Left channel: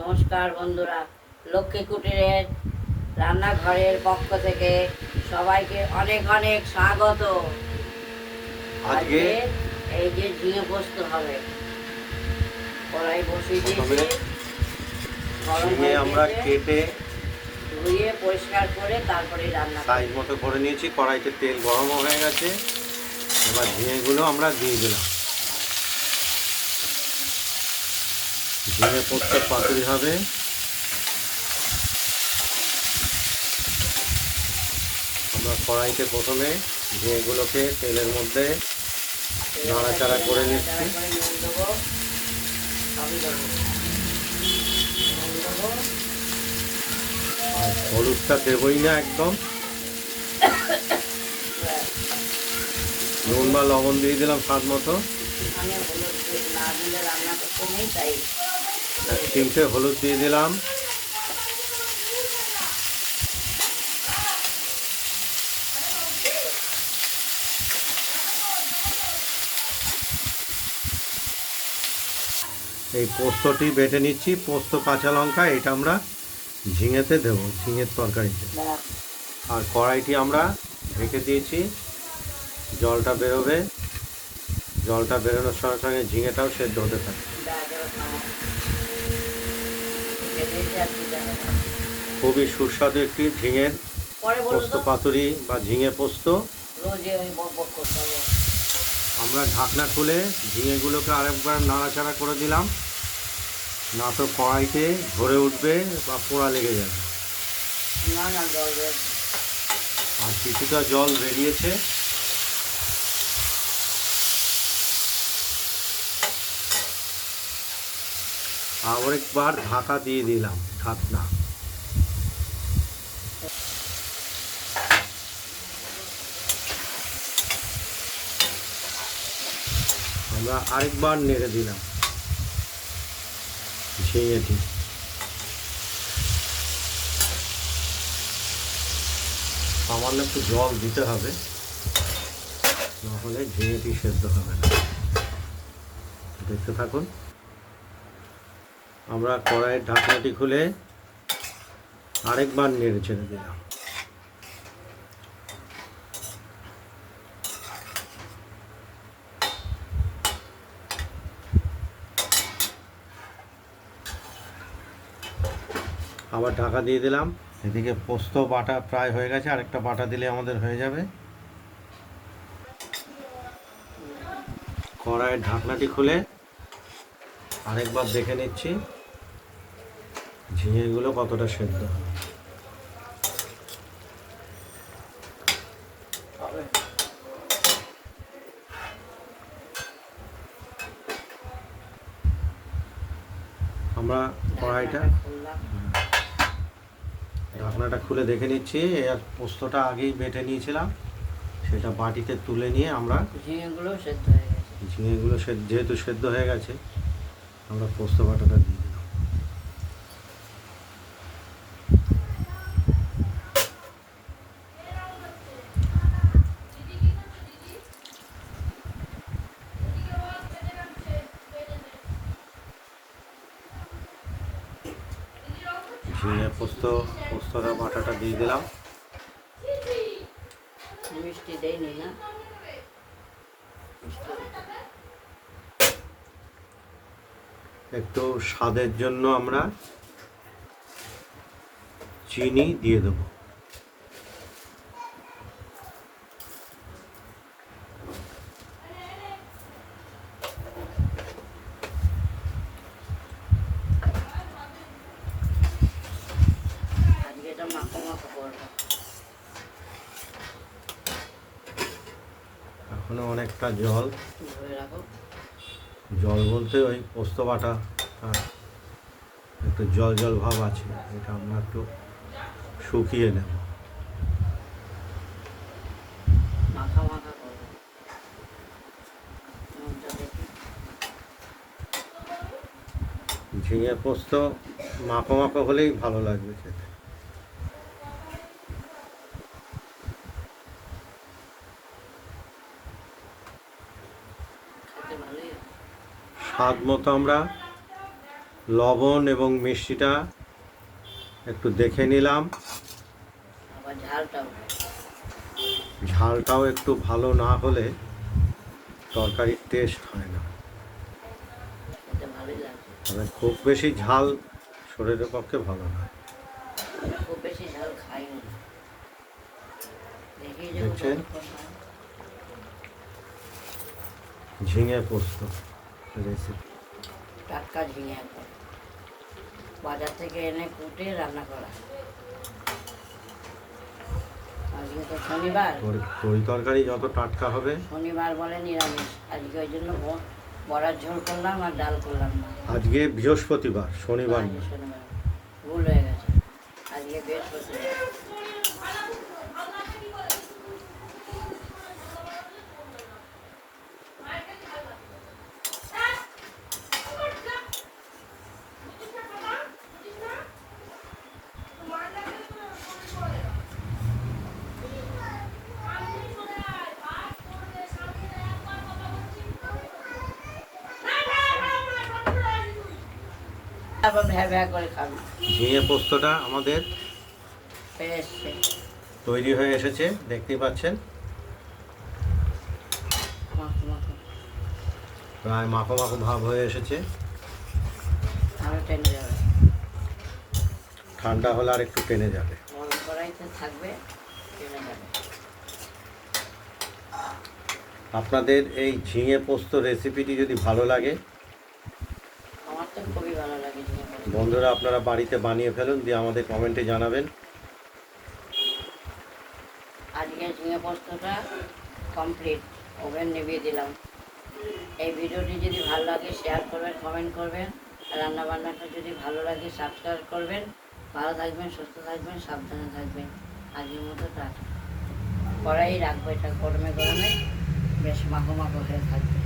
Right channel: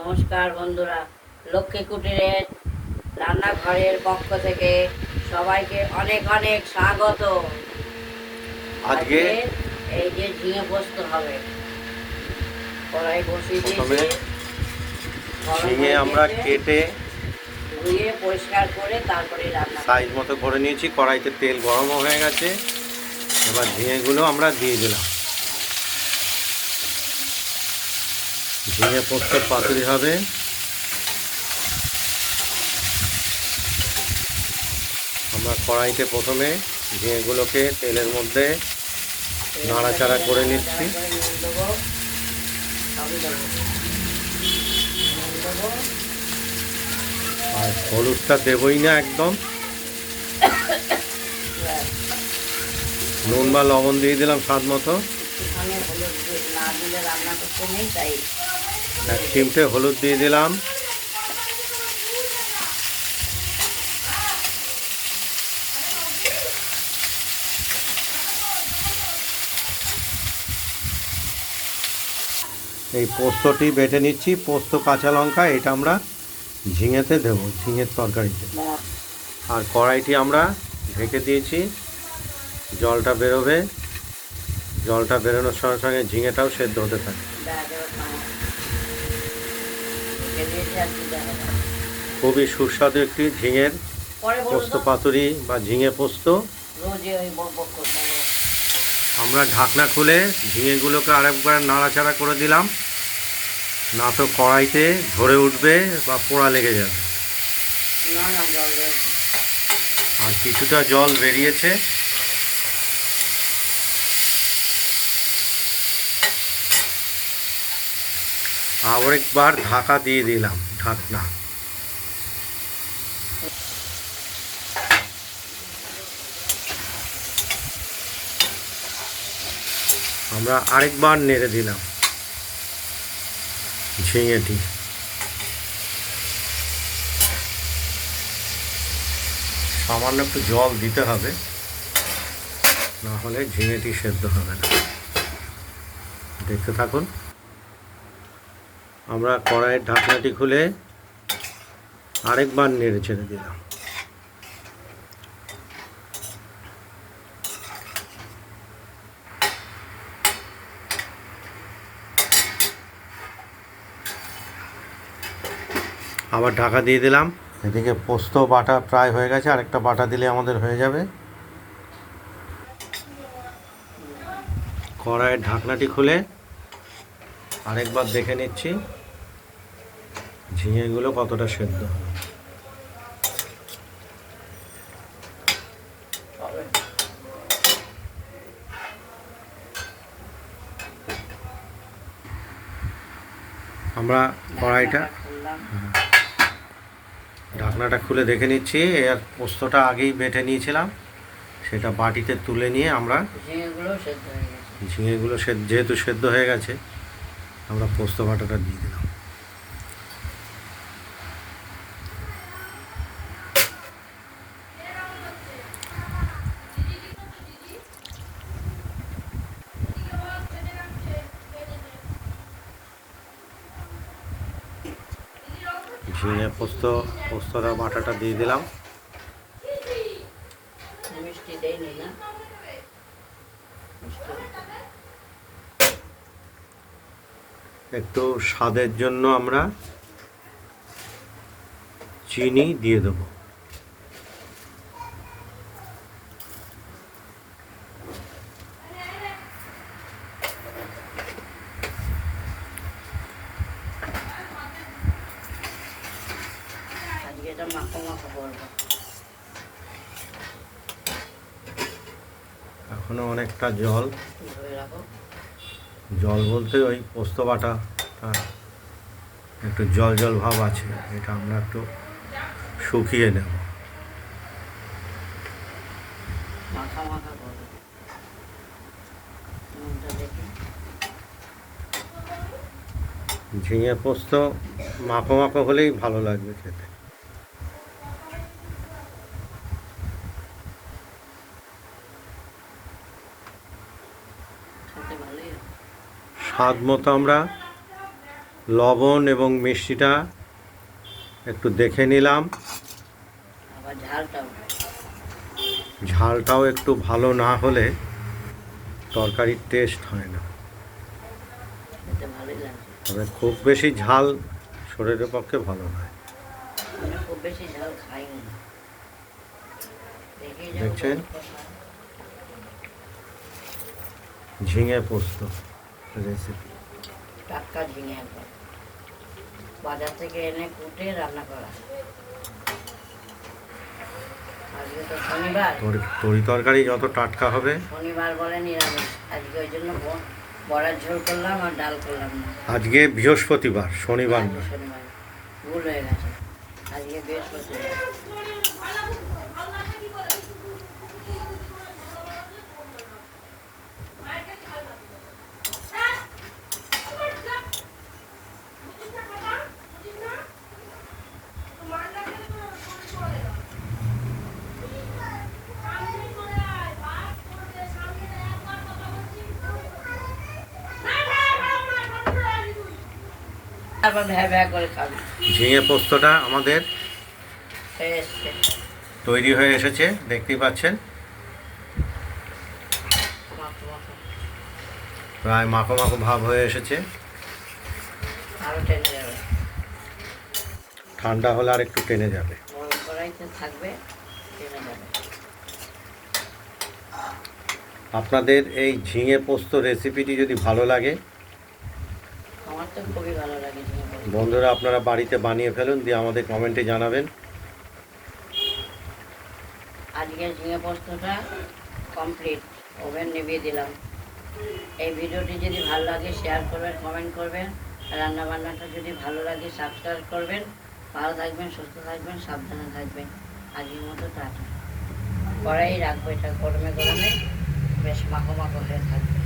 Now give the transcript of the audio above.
নমস্কার বন্ধুরা, লক্ষ্মী কুটিরের রান্নাঘরের পক্ষ থেকে সবাইকে অনেক অনেক স্বাগত। আজকে এই যে ঝিঙে পোস্ত হবে, কড়াই বসিয়ে প্রথমে দিয়েছি। ঝিঙে আমরা কেটে ধুয়ে পরিষ্কার করে তারপরে রান্না সাইজ মতো করে নিয়েছি। কড়াইতে তেল গরম হয়ে গেছে, এবার ঝিঙেগুলো আমরা দিয়ে দিলাম। ঝিঙে পোস্ত পাতুরি হবে। আমরা কড়াইতে প্রথমে ঝিঙেগুলোকে তেলের মধ্যে নাড়াচাড়া করে নিচ্ছি। আর হলুদটা দেবই না একদম, নুন বা লবণ দিয়ে দিলাম স্বাদ মতো। এক চিমটে হলুদ দিয়ে দিলাম। এই পোস্তটি বেটে নিচ্ছি, পোস্ত কাঁচা লঙ্কা, এটা আমরা ঝিঙেতে দেবো, ঝিঙের তরকারিতে। আর কড়াইটি আমরা ঢেকে দিয়েছি, জলটা বেরোবে। জলটা বেরোনোর সঙ্গে সঙ্গে ঝিঙেটাও সেদ্ধ হতে থাকে। খুবই সুস্বাদু একটি ঝিঙের পোস্ত পাতুরি বা ঝিঙে পোস্ত। আমরা ঢাকনা খুলে ঝিঙেগুলোকে আরেকবার নাড়াচাড়া করে দিলাম, না তো কড়াইতে ধরে উঠবে বা পোড়া লেগে যাবে। আর কিছুটা জল বেরিয়েছে। আবার একবার ঢাকা দিয়ে দিলাম, ঢাকনা। আমরা আরেকবার নেড়ে দিলাম ঝিঙেটি। সামান্য একটু জল দিতে হবে, না হলে ঝিঙেটি সেদ্ধ হবে না। দেখতে থাকুন। আমরা কড়াইয়ের ঢাকনাটি খুলে আরেকবার নেড়ে ছেড়ে দিলাম। আবার ঢাকা দিয়ে দিলাম। এদিকে পোস্ত বাটা প্রায় হয়ে গেছে, আরেকটা বাটা দিলে আমাদের হয়ে যাবে। কড়াইয়ের ঢাকনাটি খুলে আরেকবার দেখে নিচ্ছি ঝিঙেগুলো কতটা সেদ্ধ। আমরা কড়াইটা ঢাকনাটা খুলে দেখে নিচ্ছি। এর পোস্তটা আগেই বেটে নিয়েছিলাম, সেটা বাটিতে তুলে নিয়ে আমরা ঝিঙেগুলো যেহেতু সেদ্ধ হয়ে গেছে, আমরা পোস্ত বাটাটা দিয়ে দিলাম। ঝিঙে পোস্তটা বাটাটা দিয়ে দিলাম। একটু স্বাদের জন্য আমরা চিনি দিয়ে দেবো। এখনো অনেকটা জল বলতে ওই পোস্ত বাটা একটু জল জল ভাব আছে, এটা আমরা একটু শুকিয়ে নেব। ঝিঙে পোস্ত মাখো মাখো হলেই ভালো লাগবে খেতে। স্বাদ মতো আমরা লবণ এবং মিষ্টিটা একটু দেখে নিলাম। আবার ঝালটাও ঝালটাও একটু ভালো না হলে তরকারির টেস্ট হয় না। খেতে ভালোই লাগছে। তবে খুব বেশি ঝাল শরীরের পক্ষে ভালো না। আমি খুব বেশি ঝাল খাই না। দেখি যে দেখছেন? ঝিঙে পোস্ত রেসিপি। টাটকা ঝিঙে একদম বাজার থেকে এনে কুটে রান্না করা। আজকে তো শনিবার, তরি তরকারি যত টাটকা হবে। শনিবার বলে নিরামিষ, আজকে ওই জন্য বড়ার ঝোল করলাম আর ডাল করলাম না। আজকে বৃহস্পতিবার, শনিবার আজকে না। শনিবার ভুল হয়ে গেছে, আজকে বৃহস্পতিবার। তারপর ভ্যা ভ্যা করে খাবি। ঝিঙে পোস্তটা আমাদের খেয়ে এসছে। তৈরি হয়ে এসেছে, দেখতেই পাচ্ছেন। মাখো মাখো। প্রায় মাখো মাখো ভাব হয়ে এসেছে। আরো টেনে যাবে, ঠান্ডা হলে আর একটু টেনে যাবে। গরম কড়াইতে থাকবে, টেনে যাবে। আপনাদের এই ঝিঙে পোস্ত রেসিপিটি যদি ভালো লাগে, আমার তো খুবই ভালো লাগে ঝিঙে পোস্ত। বন্ধুরা আপনারা বাড়িতে বানিয়ে ফেলুন, দিয়ে আমাদের কমেন্টে জানাবেন। আজকে ঝিঙে পোস্তটা কমপ্লিট, ওভেন নিভিয়ে দিলাম। এই ভিডিওটি যদি ভালো লাগে শেয়ার করবেন, কমেন্ট করবেন। রান্না বান্নাটা যদি ভালো লাগে সাবস্ক্রাইব করবেন। ভালো থাকবেন, সুস্থ থাকবেন, সাবধানে থাকবেন। আজকের মতো টাটা। কড়াই রাখবো, এটা গরমে গরমে বেশ মাখো মাখো হয়ে থাকবে।